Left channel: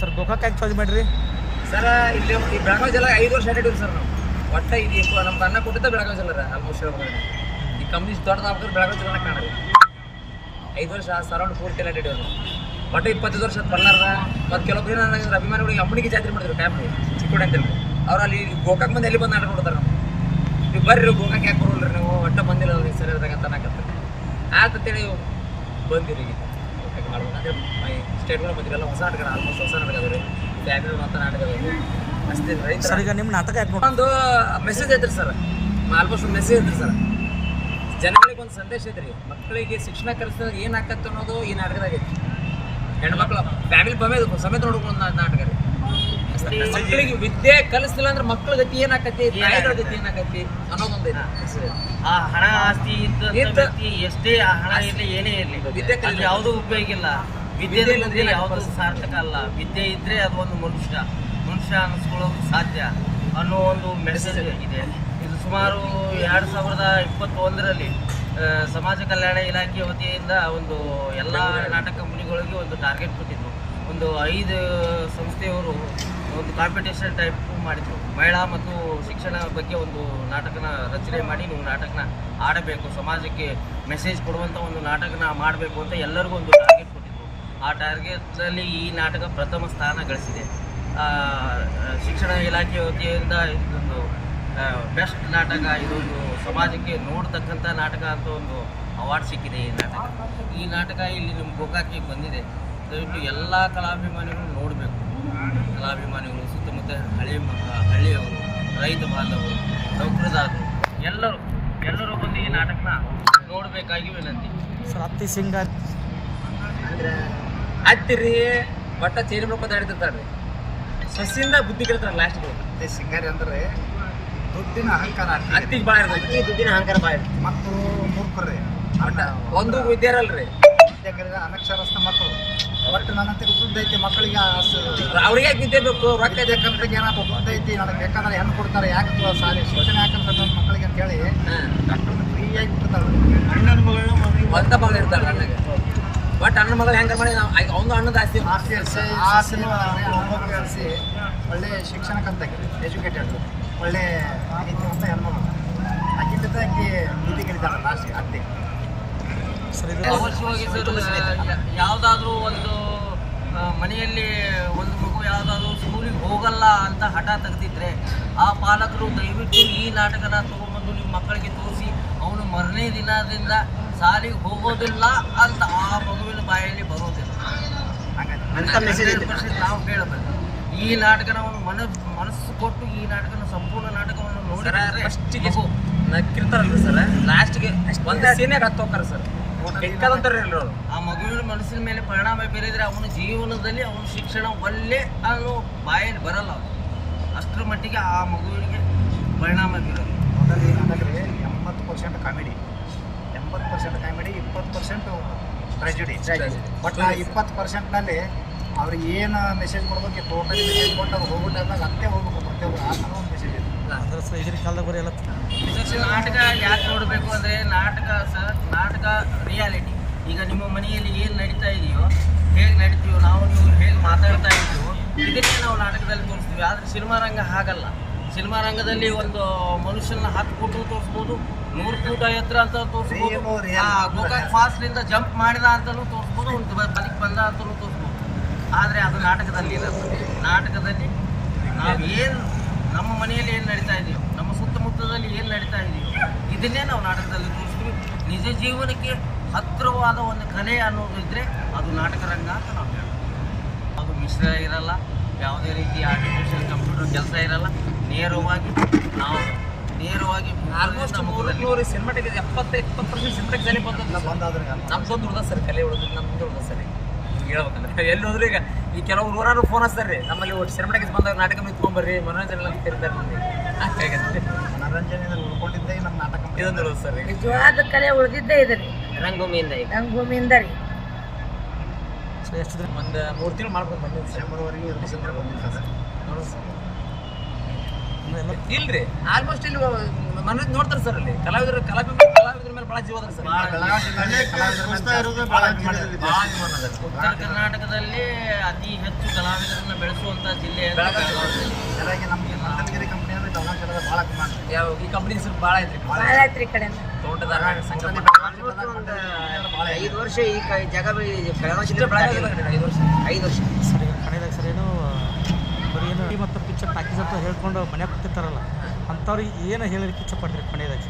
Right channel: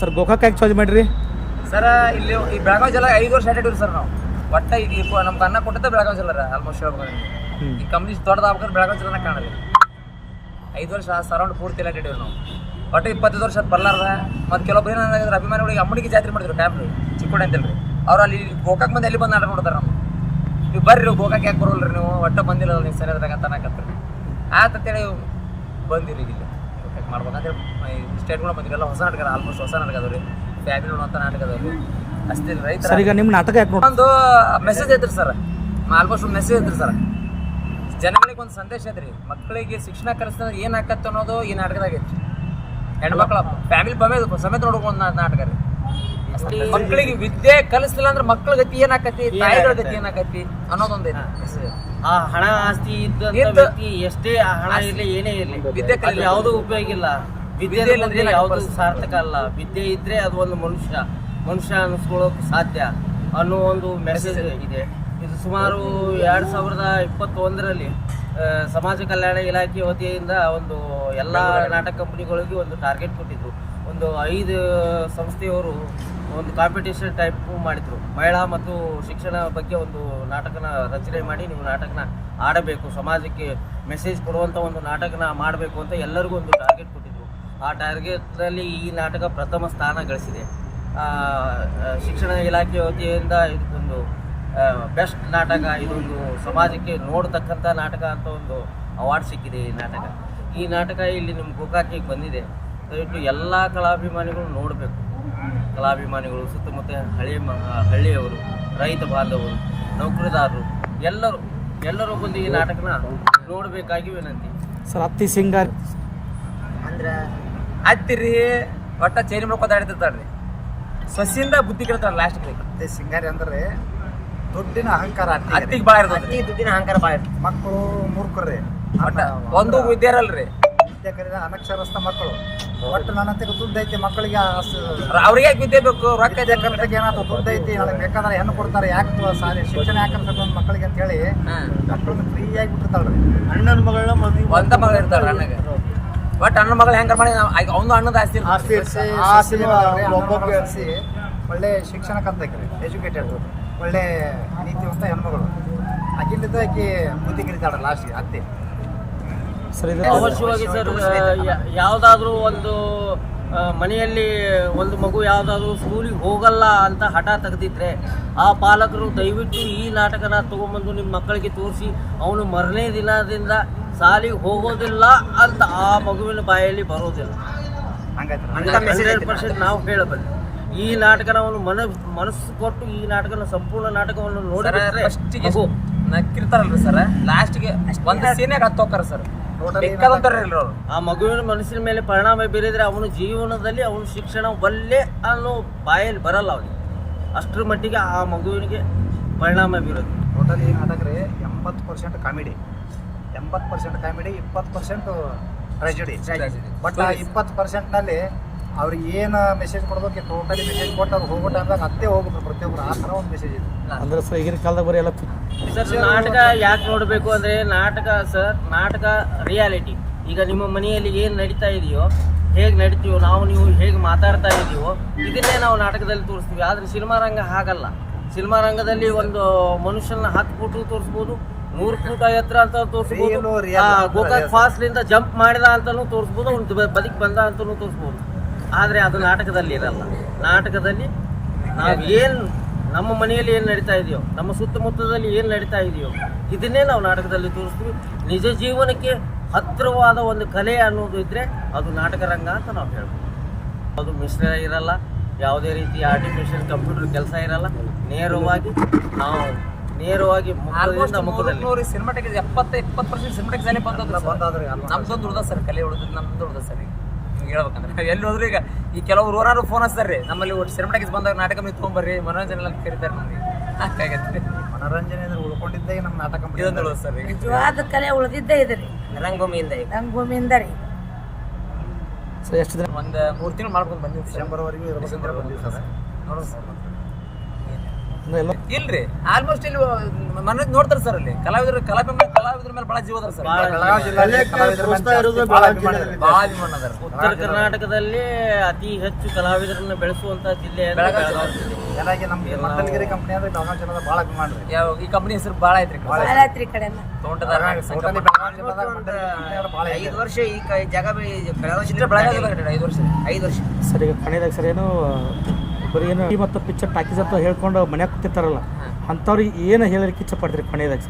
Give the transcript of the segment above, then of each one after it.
Sir, Gokak ಯಾಕೆ charge ಮಾಡಿರಿ? Sir, ಇಲ್ಲಿ ಈ ಬೆಳಗಾವಿ ಜಿಲ್ಲೆ ಐದು ವರ್ಷ ಅಡ್ಡಿದ್ವಿ ಸರ್ ನಾವು. ಒಟ್ಟ ಈ ನಮ್ಗೆ ಅನ್ನ ಕೊಟ್ಟಿದ್ದೆ ಬೆಳಗಾವಿ ಜಿಲ್ಲೆ ಆಲ್ಮೋಸ್ಟ್ ಹೇಳ್ಬೇಕು. ಈ ಕಂಪ್ನಿ ದೊಡ್ಡದಾಗ್ಬೇಕಾದ್ರೆ ಬೆಳಗಾವಿ ಜಿಲ್ಲೆನ ಕಾಣಲಿ ಐದು ವರ್ಷ ಸರೌಂಡ್ ಪೂರ್ತಿ ಎಲ್ಲ ಅಡ್ಡಿದ್ವಿ ನಾವು. ಒಟ್ಟು ಇಪ್ಪತ್ತೈದು ವರ್ಷ ಅದು ಬರ್ಲಾರ್ದ. ಮತ್ತು ಕೆಲವೊಬ್ರು ಏನಾದ್ರೆ ಅಭಿಮಾನಿಗಳಿಗೆ ಅಮ್ಮನಿಗೆ ಜಾತ್ರೆ ಮಾಡಿದ್ರು ಕ್ಯಾಮ್ರಿ ಚಿಕ್ಕೋಡಿ ಅಂತೇಳಿ ಅವ್ರು ಅಲ್ಲಿ ಗೋಕಾಕ್ ಬಂದು ಎಲ್ಲಿ ಬಂದು ಆಟ ನೋಡ್ತಾರೆ ನಾವು ನೀವು ಬರ್ರಿ, ಗೋಕಾಕ್ ಯಾಕೆ ಬರೋಲ್ರಿ ನೀವು? ಒಟ್ಟ ಬಂದಿಲ್ಲ ಸರಿ ಸರಿಯಾದಾಗ ಅಂತ ಅನ್ನಕತ್ತೀರಿ ಆತಂತೇಳಿ ಬಂದಿರಿ ಈಗ ಇಲ್ಲಿ ಸ್ಟೇಟ್ ಮಾಡ್ಬೇಕಂದ್ರೆ ಸ್ಟೇಟ್ಗಳು ಬಂದಿರಲ್ಲ ಹೊಸ ನಾಟಕ ಆಲ್ಮೋಸ್ಟ್ ಹೊಸ ನಾಟಕ ರೀ ಫ್ಯಾಮಿಲಿ ನೋಡುವಂಥ ನಾಟಕ ಅದವ್ರಿ. ಅಷ್ಟೇ ರೈತರ ಸರ್ ಈಗ ನಿಮ್ಮ ನಾಟಕ ಯಾಕೆ ಒಂದು ಮೆಸೇಜ್ ಐತ್ರಿ ಸರ್. ಆಲ್ಮೋಸ್ಟ್ ಒಂದು ಮೆಸೇಜ್ ಐತ್ರಿ ಸರ್. ಜನಗಳಿಗೆ ಒಂದು ಸಂದೇಶ ಐತ್ರಿ. ಮಕ್ಕಳಿಗೆ ಶಿಕ್ಷಣ ಕಲಿಸಿದಾಗ ಏನು ಆಕತ್ತೆ ಅನ್ನೋದು ಈ ನಾಟಕದಾಗ ಐತಿ ಹೆಣ್ಮಕ್ಳ ಫ್ಯಾಮಿಲಿ ಬಮೇದು ಸಮೇತ ನೋಡ್ಕೊಂಡು ನಾಟಕ ರೀ. ಮಕ್ಕಳಿಗೆ ವಿದ್ಯೆ ಕಲಿಸಿಲ್ಲ ಅಂದ್ರೆ ಮಕ್ಕಳ ಗತಿ ಏನಾಕತಿ ತಾಯಿಗಳ ಗತಿ ಏನಾಕತಿ ಅನ್ನೋದೊಂದು ಐತಿ message. ಆ ಹಣ ಆಸ್ತಿ ಇದ್ದ- ಎಷ್ಟೇ ಆ ಹಣ ಇರಲಿ ಏನೇ ಇರಲಿ ವಿದ್ಯೆ ಕಲಿಲ್ಲ ಯಾವುದೂ ಉಪಯೋಗ ಇಲ್ಲ. ವಿದ್ಯೆ ಇಲ್ಲಂದ್ರೆ ಇಲ್ಲಂದ್ರೆ ಯಾವುದು ಸಾರ್ಥಕ ಅಲ್ಲ. ವಿದ್ಯೆ ಇದ್ರೆ ಅದು ಒಂದು ಮನುಷ್ಯ. ಮನುಷ್ಯ ಅನಿಸ್ಕೊಳ್ಳೋಕೆ ಸಾಧ್ಯ ಅನ್ನೋ ಒಂದು ಮೆಸೇಜ್ ಇದೆ. ಇದು ಸುಮಾರು ಎರಡು ಸಾವಿರದ ಇಪ್ಪತ್ತೊಂದರಲ್ಲಿ ಸಮಾಜ ಕಲ್ಯಾಣ ಇಲಾಖೆ ವತಿಯಿಂದ ಒಂದು ಎಲ್ಲ ನಾಟಕ ಕಂಪನಿಗಳಿಗೆ ಒಂದು ಟಾರ್ಗೆಟ್ ಕೊಟ್ಟಿದ್ರು. ಒಂದು ಐದು ಸಂಸ್ಥೆಯವರು ಒಂದು ಕಾಂಪಿಟೇಷನ್ ಟೈಪ್ ಮಾಡಿದ್ರು. ಮಹಿಳಾ ಮತ್ತು ಶಿಕ್ಷಣ ಬಗ್ಗೆ ಒಂದು ನಾಟಕನ ರಚನೆ ಮಾಡಿ ನೀವು ನಾಟಕನ ಆಡಬೇಕು. ಸಮಾಜಕ್ಕೆ ಮೆಸೇಜ್ ಕೊಡುವಂಥ ಒಂದು ನಾಟಕನ ಮಾಡಬೇಕು ಅಂತ ಎಲ್ಲರಿಗೂ ಒಂದು ಟಾರ್ಗೆಟ್ ಕೊಟ್ಟಿದ್ರು. ಆ ಟಾರ್ಗೆಟ್ನಲ್ಲಿ ಈ ನಾಟಕ ಪ್ರಥಮ ಸ್ಥಾನ ಗಳಿಸಿದೆ. ಶಿಕ್ಷಣ ಇಲಾಖೆ ವತಿಯಿಂದ ಇದೊಂದು ಬೆಸ್ಟ್ ನಾಟಕ, ಇದೊಂದು ಸಮಾಜಕ್ಕೆ ನೋಡ್ತಕ್ಕಂಥ ನಾಟಕ ಅಂತ ಒಂದು ಅವಾರ್ಡ್ ಸಿಕ್ಕಿದೆ ಈ ನಾಟಕ. ಈ ನಾಟಕ ಇಲ್ಲಿ ನಿಮ್ಮ ಗೋಕಾಕಿಗೆ ಬಂದಿದೆ. ದಯವಿಟ್ಟು ಎಲ್ಲ ಕಲಾಭಿಮಾನಿಗಳು ನೋಡಬೇಕು. ಕಲಾಭಿಮಾನಿಗಳು ಸುತ್ತಮುತ್ತ ಹಳ್ಳಿ ಮ ಹಳ್ಳಿಯವರು ರೈತ ಬಾಂಧವರು ನೌಕರದಾರರು ಎಲ್ಲರೂ ಎಲ್ಲರೂ ಬಂದು ಈ ನಾಟಕನ ನೋಡಬೇಕಾಗಿ ವಿನಂತಿ. ಸರ್ ಅತ್ತಿ ಸಿಂಗಾರ್. ಅಂದ್ರೆ ಹತ್ತಿರಿ ಒಟ್ಟ ಚೇಂಜ್ ಮಾಡ್ಕೊತಾಡ್ತಿರ್ತಾರ್ರಿ ಸೊಸಿಂದ ಬುದ್ಧಿ ಕೇಳ್ತಾರೆ ಲಾಸ್ಟ್ ಮತ್ತೆ ಸಿಂಗಾರಿ ಅಂದ್ರೆ ದುಡ್ಡಿನ ಅಹಂಕಾರ ಅತ್ತಿಗೆ ಭಾಳ ಇರ್ತದೆ ದುಡ್ಡಿನ ಅಹಂಕಾರ ಬಾಳ ಮಕ್ಕಳು ಮೂರ್ಖರ್ರಿ ಒಟ್ಟು ಒಂದು ವಿದ್ಯೆ ಕಲಿದ ಅನಕ್ಷರಸ್ಥ ಮಕ್ಕಳು. ಒಟ್ಟು ನನ್ನ ಹತ್ತಿರ ದುಡ್ಡು ಐತಿ ಮಕ್ಕಳಿಗೆ ಅವ್ರಿಗೆ ವಿದ್ಯೆ ಬೇಕು? ರೊಕ್ಕ ಯಾಕಂದ್ರೆ ಏನಾದ್ರು ದುಡ್ಡು ಐತಿ ನನಗೆ ಬೇಕಾದ್ರೆ ಹೆಣ್ಣು ಕೊಡ್ತಾರೆ ಯಾಕೆ ಸಾರಿ ಶಿಕ್ಷಣ ಯಾಕಂತ ಮಕ್ಕಳಿಗೆ ಅಂತ ಹೇಳಿ ಫ್ರೀ ಫ್ರೀಯಾಗಿ ಬಿಡ್ತಾಳೆ. ಅಣ್ಣನ ಮಗಳ ಒಂದ ಮಗಳು ಇರ್ತಾರ ಅಣ್ಣಗೆ. ಬಟ್ ಅಣ್ಣ ಮಗಳು ಹೆಂಗ ಮಾಡಿ ಅವನು ಅಣ್ಣದ ಆಸ್ತಿ. ಆಸ್ತಿ ಆಸ್ತಿ ಒಳ್ಳೆ ಶಿಕ್ಷಣ ಕಲ್ತಾಕೆ ಎಜುಕೇಟೆಡ್. ಒಳ್ಳೆ ಹೆಣ್ಮಗಳು ಅಜಿಲ್ಲದಾಗಿ ಆಕಿ ಬುದ್ಧಿ ಕಲಿತಾಳೆ ಲಾಸ್ಟ್ ಅತ್ತೆ. ಸರ್ ಇದು ಅವಶ್ಯವಾಗಿ ಸರ್ ಯಾವುದಾದ್ರೂ ಒಂದು ಮನೆಯಲ್ಲಿ ಒಂದು ಮಗು ಯಾವುದಾದ್ರೂ ಸ್ಕೂಲಿಗೆ ಹೋಗಲ್ಲ ಅಂತ ಹಠ ತೆಗೆದಿದ್ರೆ ಆ ಪಾಲಕರು ದಯವಿಟ್ಟು ಈ ನಾಟಕನ ತೊಗೊಂಬಂದು ನಿಮ್ಮ ಮಕ್ಕಳಿಗೆ ತೋರಿಸಿ ಅವನು ಮರನೇ ದಿನದಿಂದ ಶಾಲೆಗೆ ಹೋಗೋದಿಲ್ಲ ಅಂತ ಆ ಮಗುವಿನ ಬಾಯಲ್ಲಿ ಬರೋದಿಲ್ಲ. ಪರ್ಸೆಂಟ್ ನಾವು ಹೇಳಬಲ್ಲ. ಈ ನಾಟಕನ ಅವನು ಮನ ಮನಸ್ಸು ಕೊಟ್ಟು ಈ ನಾಟಕನ ಸಂಪೂರ್ಣ ನಾಟಕವನ್ನು ನೋಡಿದ್ರೆ ಫಸ್ಟಿಗೆ ನಕ್ಕಿರ್ತಾರಲ್ರಿ ಸರ್ ಲಾಸ್ಟ್ಗೆ ಒಂದೇ ಸೀನ್ಯಾಗ ಹತ್ತೋಕ್ಕಾರ ಸರ್. ಆ ಮಗುವಿನ ಮನಸ್ಸಿನ ಮೇಲೆ ಪರಿಣಾಮ ಬೀರಿದ್ರೆ ಅವನ ಜೀವನದಲ್ಲಿ ಅವನ ಶಿಕ್ಷಣ ಒಲ್ಲೆ ಅನ್ನೋ ಬಾಯಲ್ಲಿ ಬರಲ್ಲ ಅವನಿಗೆ. ಅಷ್ಟರ ಮಟ್ಟಿಗೆ ಆ ಮಗುವಿನಿಗೆ ಪರಿಣಾಮ ಬೀರೋದು. ಟೋಟಲ್ ಈ ನಾಟಕ ಎಂಬತ್ತು ಪರ್ಸೆಂಟ್ ಕಾಮಿಡಿ ಎಂಬತ್ತು ಪರ್ಸೆಂಟ್ ಕಾಮಿಡಿ ಇಪ್ಪತ್ತು ಪರ್ಸೆಂಟ್ ಟ್ರಾಜಿಡಿ ಬಟ್ ಆ ಇಪ್ಪತ್ತು ಪರ್ಸೆಂಟ್ನಲ್ಲಿ ಅವ್ರಿಗೆ ಏನು ಮೆಸೇಜ್ ಕೊಡ್ಬೇಕು ಟೋಟಲಿ ಮೆಸೇಜ್ ಕೊಟ್ಟು ಅವ್ರು ಹೋಗೋ ಟೈಮ್ದಾಗ ಅತ್ತೆ ಹೋಗ್ಬೇಕು ಪ್ರತಿಯೊಬ್ಬರು ಆ ಥರ ಒಂದು ಮೆಸೇಜ್ ಇದೆ. ಅಂದ್ರೆ ಸರ್ ಈಗಿನ ಕಾಲದಾಗ ಬರೀ ಎಲ್ಲ ಸರ್ ನಾಟಕ ಯಾಕೆ ನೋಡಬೇಕು ಅಂದರೆ ನಾಟಕ ಸರ್ ನಾಟಕ ರಿಯಾಲಿಟಿ ಈಗ ನಿಮ್ಮ ಮನೆಯಲ್ಲಿ ಏನು ನಡೀತಾ ಇದೆಯೋ ಹೇಗೆ ನಡೀತೀವೋ ನಾವು ನೀವು ಹೇಗೆ ಮಾತಾಡ್ತಾ ಇದೀವೋ ಇದನ್ನೇ ನಾವು ನಾಟಕದಲ್ಲಿ ತೋರಿಸ್ತೀವಿ. ಆದರೆ ಸಿನಿಮಾ ರಂಗ ಹಾಗಲ್ಲ. ಸಿನಿಮಾ ರಂಗದಲ್ಲಿ ಒಂದು ಮನುಷ್ಯನ ಹತ್ತು ಫೂಟು ತೋರಿಸ್ಬೋದು ನೂರು ಫೂಟ ಎತ್ತರ ಅಂತ ತೋರಿಸ್ಬೋದು ಗೋಕಾಕ್ ಫಾಸ್ಟ್ಲಿಂದ ಜಂಪ್ ಮಾಡಿದ ಅಂತಲೂ ತೋರಿಸ್ಬೋದು ಒಂದು ಬದುಕಿ ಬಂದ ಅಂತಲೂ ತೋರಿಸ್ಬೋದು. ಆದರೆ ಅದು ನಾಟಕದಲ್ಲಿ ಇರಲ್ಲ ನಾಟಕದಲ್ಲಿ ನಾವು ಏನು ನಮ್ಮ ಮನೆಯಲ್ಲಿ ಏನು ನಡೀತಾ ಇದೆಯೋ ನಮ್ಮ ಸುತ್ತಮುತ್ತದಲ್ಲಿ ಏನು ನಡೀತಾ ಇದೆಯೋ ಇದನ್ನೇ ನಾವು ನಾಟಕದಲ್ಲಿ ತೋರಿಸ್ತೀವಿ. ನಿಜ ಜೀವನಕ್ಕೆ ಹತ್ತಿರವಾದ ಒಂದು ಕಲೆ ಅನ್ನೋದು ಇದ್ದರೆ ಅದು ನಾಟಕ ರಂಗ ಅಂತ ನಾವು ಹೇಳ್ತೀವಿ. ಅದು ಮಿಶ್ರ ಇರಲ್ಲ ಯಾವುದೇ ರೀತಿ ಆರ್ಟಿಫಿಷಿಯಲ್ ಕಂಪ್ಯೂಟರ್ ಕೆಲಸ ಇರಲ್ಲ ನೇರವಾಗಿ ನಾವು ನೇರವಾಗಿ ಸಿನಿಮಾಟಿಕ್ ಎಪ್ಪತ್ತು ಇಪ್ಪತ್ತು ಪರ್ಸೆಂಟ್ ಸಿನಿಮಾಟಿಕ್ ಸರಿ ಬಂದದ ಬಂದಾದ್ರೆ ಅಲ್ಲ. ನಮ್ದೊಂದು ಉಳ್ದ ಸರ್ ಕಲೆ ಉಳಿದ್ರೆ ನಮ್ದು ಉಳ್ದ ಸರ್. ಹೇಳ್ಬೇಕಂದ್ರೆ. ಎಲ್ಲಿ ಹೋದ್ರು ಈಗ ಈ ಕೆಲವು ಊರಾರು ಫೋನ್ ಹಚ್ತಾರೆ. ನಮ್ಮಲ್ಲಿ ಸಿನಿಮಾಟಿಕ್ಸ್ ಬಂದಾಗ ನಾಟಕ ನಿಂತ್ಕೊಂಬರ್ರಿ ಮನೋರಂಜನೆ ಅಂತ ಕರೀತಾರೆ ಮಂದಿ ಹಾಗಾಗತ್ತೆ. ಮನೋರಂಜನೆ ಅಂದ್ರೆ ಉಳ್ಕೊಂಡಿದ್ದೇ ನಮ್ಮ ನಾಟಕ ಕಂಪನಿ. ಇದೊಂದು ಉಳ್ದ ಸರ್ ಈಗ. ನಿಜವಾದ ಕಲೆ ಉಳಿದಿದ್ದೇ ಇದೆ ರೀ. ರಂಗಭೂಮಿಯಿಂದ ಈಗ. ರಂಗಭೂಮಿಯಿಂದ ರೀ. ಸೊ ಎಷ್ಟು ದಿನ? ಒಂದು ಮೂರು ತಿಂಗಳು ಮಾಡ್ಕೊಂಡು ಬಂದಿದ್ದು ಸೆಪ್ಟೆಂಬರ್ವರೆಗೂ ಇರಬೇಕು ಬಂದಿದ್ದು ಬಂದಿವಿ ಸರ್. ನೋಡೋಣ ಸರ್. ಇಲ್ರಿ ಆಲ್ಮೋಸ್ಟ್ ಇಲ್ಲಿ ಮನೋಜ್ ನೋಡ್ತಾರೆ ಸರ್ ಅಲ್ಲಿ. ಕಲಾವಿದರು ಕಲಾವಿದ್ರ ಕಲಾವಿದ್ರ ಮೇಲೆ ಬಹಳ ಜೀವ ಸರ್ ಕಲಾವಿದರ ಮೇಲೆ ಭಾಳ ಅಭಿಮಾನ ಇದೆ. ಬಹಳ ಅಭಿಮಾನ ಅದಾರ ಉತ್ತರ ಕರ್ನಾಟಕದಲ್ಲಿ ಅತಿ ಹೆಚ್ಚು ಕಲಾವಿದರನ್ನ ಬೆಳೆಸುವಂತ ಜಿಲ್ಲೆ ಬೆಳಗಾವಿ ನಮ್ಮ ಮಂಗಲಗಿರಿ ಕಂಪ್ನಿ ಅಂದ್ರೆ ಬೆಳಗಾವಿ ಜಿಲ್ಲೆದ ಭಾಳ ಅಭಿಮಾನ ಯಾವ ಈ ಕಂಪನಿ ಹೆಸರು ಬಹಳ ಐತ್ರಿ. ಭಾಳ ಐತ್ರಿ. ಈ ಕಡೆ ಎಲ್ಲ ತೋಟದಾರ ಐದು ವರ್ಷ ಈ ಜಗ ಜಾಗ ಬಿ- ಬೆಳಗಾವಿ ಜಿಲ್ಲೆ ಬೆಳಗಾವಿ ಐದು ವರ್ಷ. ಐದು ವರ್ಷ. ಸರಿ ಕಣಿದಾಗ ಸರ್ ಏನು ಬರೀ ಏನು ಈ ಮತ್ತು ಪಿಕ್ಚರ್ ಟಾಕೀಸ್ ಅಂತ ಹೇಳ್ಕೊಂಡು ಮನ್ಯಾಗ ಕೂತಿರ್ತಾರಲ್ಲ ಅಂಥವ್ರಿಗೆ ಏನು ಹೇಳಲಿಕ್ಕೆ ಇಚ್ಛೆ ಪಡ್ತೀರಿ ಕೊನೆಯದಾಗ?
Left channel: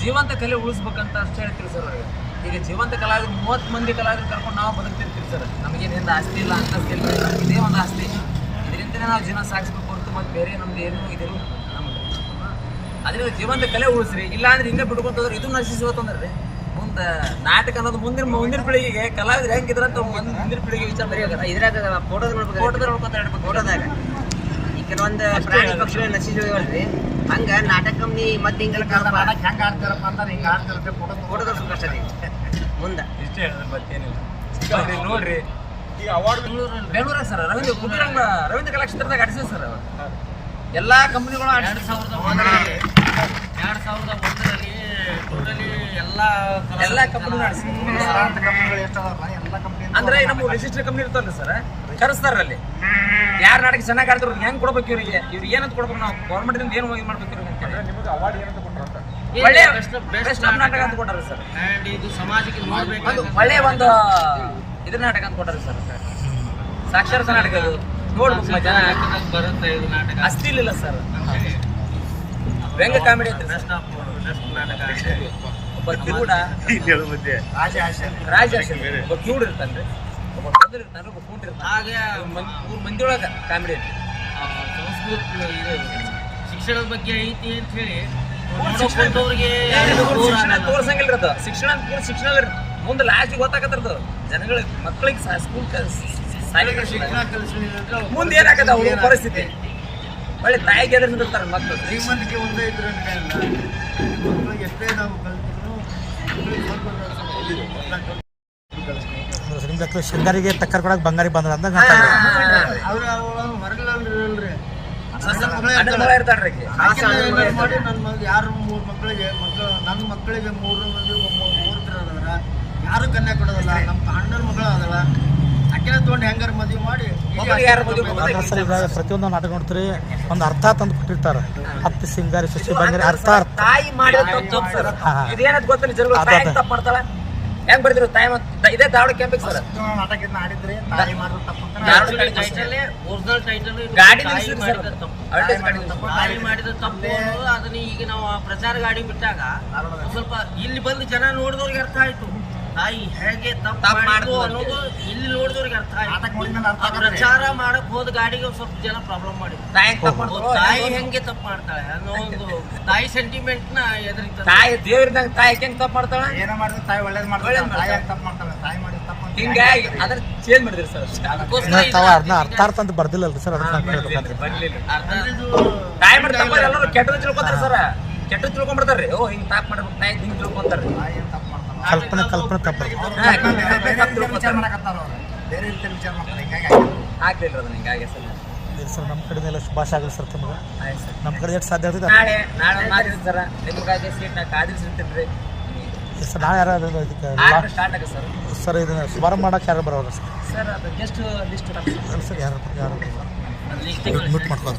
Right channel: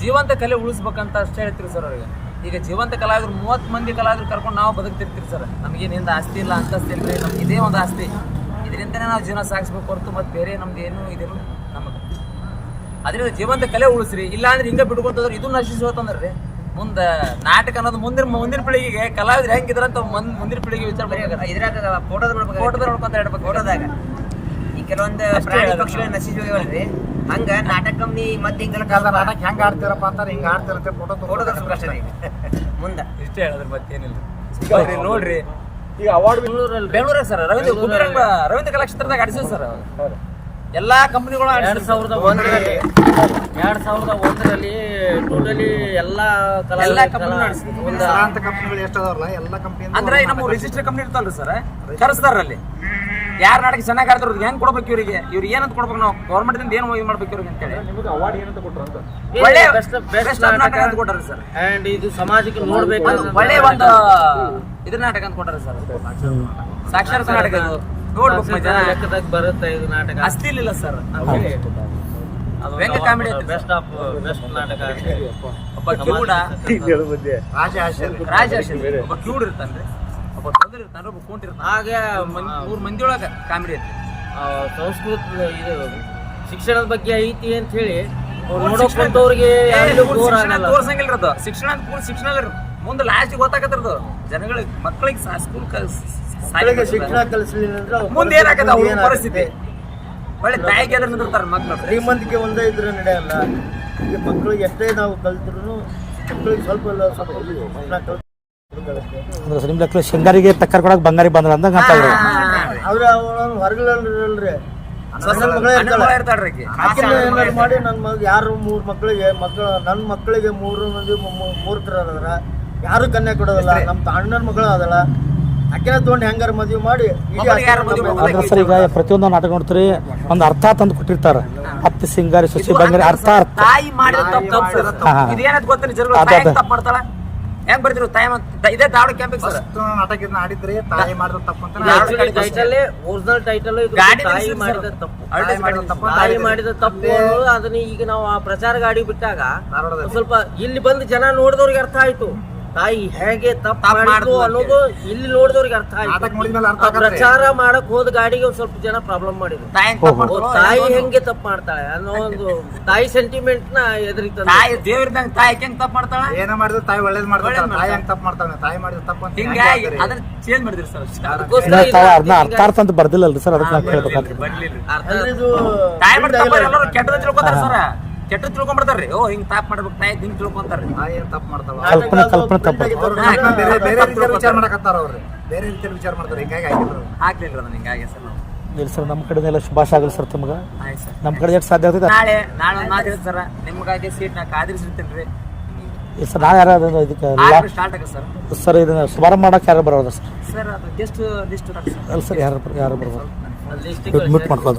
ಜೀವಂತ ಕಲೆ ಉಳಿಸ್ಬೇಕಂತ ಅಷ್ಟೇ ಹೇಳ್ತೀರಿ ಸರ್ ಅವರಿಗೆ. ಈಗ ಜೀವಂತ ಕಲಾವಿದ್ರು ಮೂವತ್ತು ಮಂದಿ ಕಲಾವಿದ್ರು ಕರ್ಕೊಂಡು ನಾವು ಬದುಕ್ತಿರ್ತೀರಿ ಸರ್. ನಮಗೇನಿಂದ ಆಸ್ತಿ ಇಲ್ಲ ಅಂತ ಇಲ್ಲ ನಮ್ಗೆ ಇದೇ ಒಂದು ಆಸ್ತಿ. ಇದರಿಂದನೇ ನಾವು ಜೀವನ ಸಾಗಿಸ್ಬೇಕು ಹೊರತು ಮತ್ತು ಬೇರೆ ನಮ್ದು ಏನು ಇದಿಲ್ಲ ನಮಗೆ. ಅದರಿಂದ ಜೀವಂತ ಕಲೆ ಉಳಿಸ್ರಿ. ಇಲ್ಲ ಅಂದ್ರೆ ಹಿಂಗೆ ಬಿಡ್ಕೊಂತಂದ್ರೆ ಇದು ನಶಿಸಿ ಹೋತಂದ್ರೆ ರೀ. ಮುಂದೆ ನಾಟಕ ಅನ್ನೋದು ಮುಂದಿನ ಮುಂದಿನ ಪೀಳಿಗೆಗೆ ಕಲಾವಿದ್ರು ಹೆಂಗಿದ್ರಂತ ಮುಂದ್ ಮುಂದಿನ ಪೀಳಿಗೆ ವಿಚಾರ ಬರೀ ಇದ್ರಾಗ ಫೋಟೋದ ನೋಡ್ಬೇಕು ನೋಡ್ಕೊಂತ ಹೇಳ್ಬೇಕು ಫೋಟೋದಾಗ ಈ ಕೆಲವೊಂದು ಪ್ರಾಣಿ ಪಕ್ಷಿಗಳು ನಶಿಸಿ ಹೋಗಿ ಹಂಗ ನಾಟಕ ನೀ ಮತ್ತೆ ಹಿಂಗೆಲ್ಲ ಹೆಂಗ ನಾಟಕ ಹೆಂಗೆ ಆಡ್ತೀರಪ್ಪ ಅಂತಾರೆ ಹಿಂಗೆ ಆಡ್ತಿರುತ್ತೆ ಫೋಟೋ ಫೋಟೋ ತೋರ್ಸ್ಬೇಕು ಅಷ್ಟೇ. ಮುಂದ. ಇಷ್ಟೇ ಹೇಳಿದ್ರೆ ಮತ್ತೇನಿಲ್ಲ. ಈಗ ಅವಾರ್ಡ್ ಬೆಂಗಳೂರಲ್ಲಿ. ಬೆಂಗಳೂರಾಗ ಸರ್ ರವೀಂದ್ರ ರವೀಂದ್ರ ಕಲಾಕ್ಷೇತ್ರದಾಗ ಆಡಿಸಿದ್ರು ಸರ್ ಅವರು. ಎಲ್ಲಾ ಕಂಪನಿಗಳು ಎರಡ್ ಸಾವಿರದ ಒಂದರಲ್ಲಿ ಎರಡ್ ಸಾವಿರದ ಒಂದರಲ್ಲಿ ಟೋಟಲಿ ಎಲ್ಲಾ ಎಲ್ಲಾ ಕಂಪನಿ ಅಂತ ಕಂಪ್ನಿಗಳು ಎಷ್ಟು ಅದಾವಲ್ಲ ಎಲ್ಲ ಕಂಪ್ನಿ ಅಂದ್ರೆ ನಮ್ಮ ರಿಜಿಸ್ಟರ್ ಕಂಪ್ನಿ ಇರ್ತಲ್ರಿ ಸರ್ ಕರೆಸ್ತಾರ ಅಲ್ಲಿ. ಯಾರು ನಾಟಕ ಚೆನ್ನಾಗಿ ಆಡ್ತಾರ ಅವ್ರಿಗೆ ಹೆಂಗ್ ಕೊಡ್ಬೇಕು ಇವ್ರಿಗೆ? ಇವ್ರಿಗೆ ಏನಂತ ಕೊಡ್ಬೇಕು ನಾವು? ಗೌರ್ಮೆಂಟ್ ಇಂದ ಏನು ಇದು ಮಾಡ್ಬೇಕು ಇವ್ರಿಗೆ ಅಂತೇಳಿ. ಒಳ್ಳೆ ಬೆಸ್ಟ್ ನಾಟಕ ಅಂತ ಕೊಟ್ಟಾರ ಸರ್. ಇದು ಸಮಾಜಕ್ಕೆ ನೋಡ್ಬೇಕು ಒಂದು ಒಳ್ಳೆ ಒಂದು ಇದ್ರ ನಾಟಕ ಅಂತ ಕೊಟ್ಟಾರ ಸರ್. ಸಾಕ್ಷರತಾ ನಾಟಕ ಇದು. ನೋಡ್ಬೇಕು ಮಜಾ. ಬರುತ್ತೆ ಇದು ನಾಟಕ. ಅಸ್ತಿ ಇಲ್ಲ ಸರ್ ವ್ಯಂಗ್ಯ ಕಾಮಿಡಿ ಐತೆ ಬೆಸ್ಟ್ ಆಫ್ ಬೆಸ್ಟ್ ನಾಟಕ. ಒಬ್ಬ ಕಿವುಡ ರಾಜ. ಒಬ್ಬ ಕಿವುಡ್ ಇರ್ತಾನ್ರಿ ಒಬ್ಬ ತೊಂದ್ರೆ ಇರ್ತಾನೆ ಒಬ್ಬ ಕುಂಟ್ ಇರ್ತಾನೆ. ಹಾಗೆ ಮೂರು ಮಂದಿ ಒಳಗ ಕಾಮಿಡಿ ಐತಿ ಆ, ಸಂಸ್ಕೃತ ಇದು ಶಿಕ್ಷಣದ ಬಗ್ಗೆ ಐತಿ ಅಂತ ಹೇಳಿ ನೋಡೋಕಂತವ್ರಿಗೆ ಶಿಕ್ಷಣ ಆಗಲ್ಲ. ತೋರ್ಸಂಗಿಲ್ಲ ಅದು ಶಿಕ್ಷಣ ಅಂತ ಪೂರ್ತಿ ಶಿಕ್ಷಣ ಅಲ್ಲ ಮುಂದೆ ಲಾಸ್ಟ್ ಗೊತ್ತಾಗತ್ತರದು ಜನಗಳಿಗೆ ಮಕ್ಕಳಿಗೆ ಸ್ಕೂಲ್ ಮುಂದೆ ಏನಾಗದ? ಅವ್ರ ಪರಿಸ್ಥಿತಿ. ಒಳ್ಳೆ ತಾಯಿಗೆ ಎದುರು ನಿಂದಿರ್ತಾರೆ ಮಕ್ಕಳು ಶ್ರೀಮಂತಿಕೆ ಒಂದೇ ಇದ್ರೆ ನಡೆಯಲ್ಲ ಈಗ ಮಕ್ಕಳಿಗೆ ಎಷ್ಟೇ ನಾವು ಕಲ್ತಿದ್ರು ಸ್ವಲ್ಪ ಶೃಂಗಾರಿಗೆ ಟಕ್ಕರ್ ಕೊಡಕ್ಕೆ ಬಂಗಾರಿ ಬಂದ್ರ ಅಂತ ಅವ್ರ ಹೊರಗಲ್ರಿ. ಮಾಡಿ ನನ್ನ ಮಗ ಯಾರು ಮೂರು ಮಕ್ಕಳಿಗೆ ಮಕ್ಕಳು ನನ್ನ ಮಕ್ಕಳಿಗೆ ಮೂರು ಮಂದಿ ಮೂರ್ತರ ಅದಾರ ಯಾರು ಕನ್ಯಾ ಕೊಡೋದಲ್ಲ? ನಮ್ಮ ಅಣ್ಣನ ಮಗಳು ಅದಲ್ಲ ಅಕ್ಕಿನ ತೊಗೊಂಡು ಹೆಂಗಾರ ಮದುವೆ ಮಾಡಿ? ಸರ್ ಈಗ ಪ್ರತಿಯೊಂದು ನಾಟಕ ನೋಡ್ತೀರಿ ಒಂದು ಅರ್ಥ ತಂದು ಕೊಟ್ಟಿರ್ತಾರೆ. ಹತ್ತು ಸಿಂಗಾರಿ ಸಸಿ ಬಂಗಾರಿ ಅರ್ಥ ಅರ್ಥ. ತಾಯಿ ಮಾಡಿದ ತಪ್ಪು ಸರ್. ಗೊತ್ತಿಲ್ಲ ಜನಗಳು ಅದೇ, ತಾಯಿ ಅದೇ. ತಪ್ಪು ಮಾಡ್ತಾಳ. ಹೆಂಗ್ ಬರ್ತಿರು ತಾಯಿ ಮತ್ತ್- ಇದೇ ದಾವಡ ಕ್ಯಾಂಪಿಗೆ ಸರ್. ನಾಟಕ ಇದನ್ನ ಆಡಿದ್ರೆ ತಾಯಿ ಮಾಡಿದ ತಪ್ಪು ಅಂತ ಟೈಟಲ್ title ಇದು ಗಾಡಿ ಮಾಡಿದ ತಪ್ಪು. ತಾಯಿ ಮಾಡಿದ ತಪ್ಪು. ಅನ್ನೋದು ಅದನ್ನ ಈಗ ನಾವು ಆ ಪ್ರಚಾರ ಗಾಡಿ ಬಿಟ್ಟಾಗ ಧಾರವಾಡದಲ್ಲಿ. ಸ್ವಲ್ಪ ಇಲ್ಲಿ ಬಂದು ಜನ ನೋಡಿದವ್ರಿಗೆ ಅರ್ಥ ಆಯ್ತು. ತಾಯಿ ಹೇಗೆ ತಪ್ಪು ಅನ್ನೋದು ಇಲ್ಲಿ ನೋಡಿದವ್ರಿಗೆ ಅರ್ಥ ನಾಟಕ ಆಯ್ತು. ಪ್ರಚಾರ ಮಾಡಕ್ ಹೋದ ಗಾಡಿಗೆ ಸ್ವಲ್ಪ ಜನ ಪ್ರಾಬ್ಲಮ್ ಮಾಡಿದ್ರು. ತಾಯಿ ಹೆಂಗ್ ತಪ್ಪು ತಾಯಿ ಹೆಂಗೆ ತಪ್ಪು ಮಾಡ್ತಾಳೆ ಅನ್ನೋ ಒಂದು ತಾಯಿ ಸೆಂಟಿಮೆಂಟ್ನ ಎದುರಿತ ತಾಯಿ ದೇವ್ರಿದ್ದಂಗ ತಾಯಿ ಹೆಂಗ್ ತಪ್ಪು ಮಾಡ್ತಾಳೆ? ಏನ ಮಾಡಿದ್ರು ತಾಯಿ ಒಳ್ಳೇದ್ ಮಾಡ್ತಾಳೆ. ತಾಯಿ. ಹೆಂಗ್ ತಪ್ಪು ಮಾಡ್ತಾಳೆ? ತಾಯಿ ಮಾಡಿದ ತಪ್ಪು ಅಂತ ಹಿಂಗಾಗಿ ಹೆಂಗ್ ಅದನ್ನ ಚೇಂಜ್ ಮಾಡಿದ್ರಿ ಸರ್ ಅದನ್ನ ಅರ್ಥ ಅರ್ಥ ಅಂತ ಬರ್ದಿಲ್ಲಲ್ರಿ ಸರ್ ಅದಕ್ಕೆ ತಾಯಿ ಮಾಡಿದ ತಪ್ಪ ಎಲ್ಲರೂ ಕೆಟ್ಟದ ತಿಳ್ಕೊತಾರ ಸರ್. ಕೆಟ್ಟ ತಿಳ್ಕೊಂಡ್ಬಿಡ್ತಾರ್ರಿ. ಓ ಹಿಂಗ್ ತಾಪ್ ಮಾಡ್ಬೇಕು ತಾಯಿ ಹಿಂಗ್ ತಿಳ್ಕೊಂತಾರ್ರಿ. ತಾಯಿ ಏನ್ ತಪ್ಪು ಮಾಡ್ತಾವ? ಕಲ್ಪನೆ ಕಲ್ಪನೆ ತಪ್ಪು. ಅವ್ರು ಹಾ. ಬೇರೆ ಬೇರೆ ರೀತಿಯಲ್ಲಿ ವಿಚಾರ ಮಾಡಕತ್ತಾರ ಅವ್ರು. ಬೇರೆ ರೀತಿಯಲ್ಲಿ ವಿಚಾರ ಮಾಡ್ತಾರೆ. ಹಿಂಗಾಗಿ ಆಗಿಲ್ಲ ಹಾಕ್ಲಿಲ್ರಿ ಅದನ್ನ ಹಿಂಗಾಗಿ ಸರ್ ನಾವು. ಇಲ್ಲ ಸರ್ ನಮ್ಮ ಕಡೆ ಎಲ್ಲ ಶುಭಾಶ ಆಗಲಿ ಸರ್ ನಿಮಗೆ ಆಯ್ತು ಸರ್. ನಮ್ಮ ಕಡೆ ಎಷ್ಟು ಸಾಧ್ಯ ಆಗ್ತದೆ ನಾಳೆ ನಾಳೆ ಒಂದು ಮಾತು ಸರ್. ನಿಮ್ಗಾಗಿ ಸೀಟ್ ನಾ ಕಾದಿರಿಸಿರ್ತೀನಿ ರೀ ಸರ್ ನಾ ಯಾರು ಇದಕ್ಕೆ ಆರು ಸ್ಟಾರ್ಟ್ ಆಗ ಸರ್. ಸರ್ ಇದನ್ನ ಶುಭಾರಂಭ ಮಾಡೋಕೆ ಯಾರು ಬರೋದು ಸರ್? ಸರ್ ಅದು ಗೆಸ್ಟ್ ಲಿಸ್ಟ್ ಸರ್. ಯಾರು ಯಾರು ಬರೋದು ಲಿಸ್ಟ್ ಮ್ಯೂಟ್ ಮಾಡ್ಕೋದು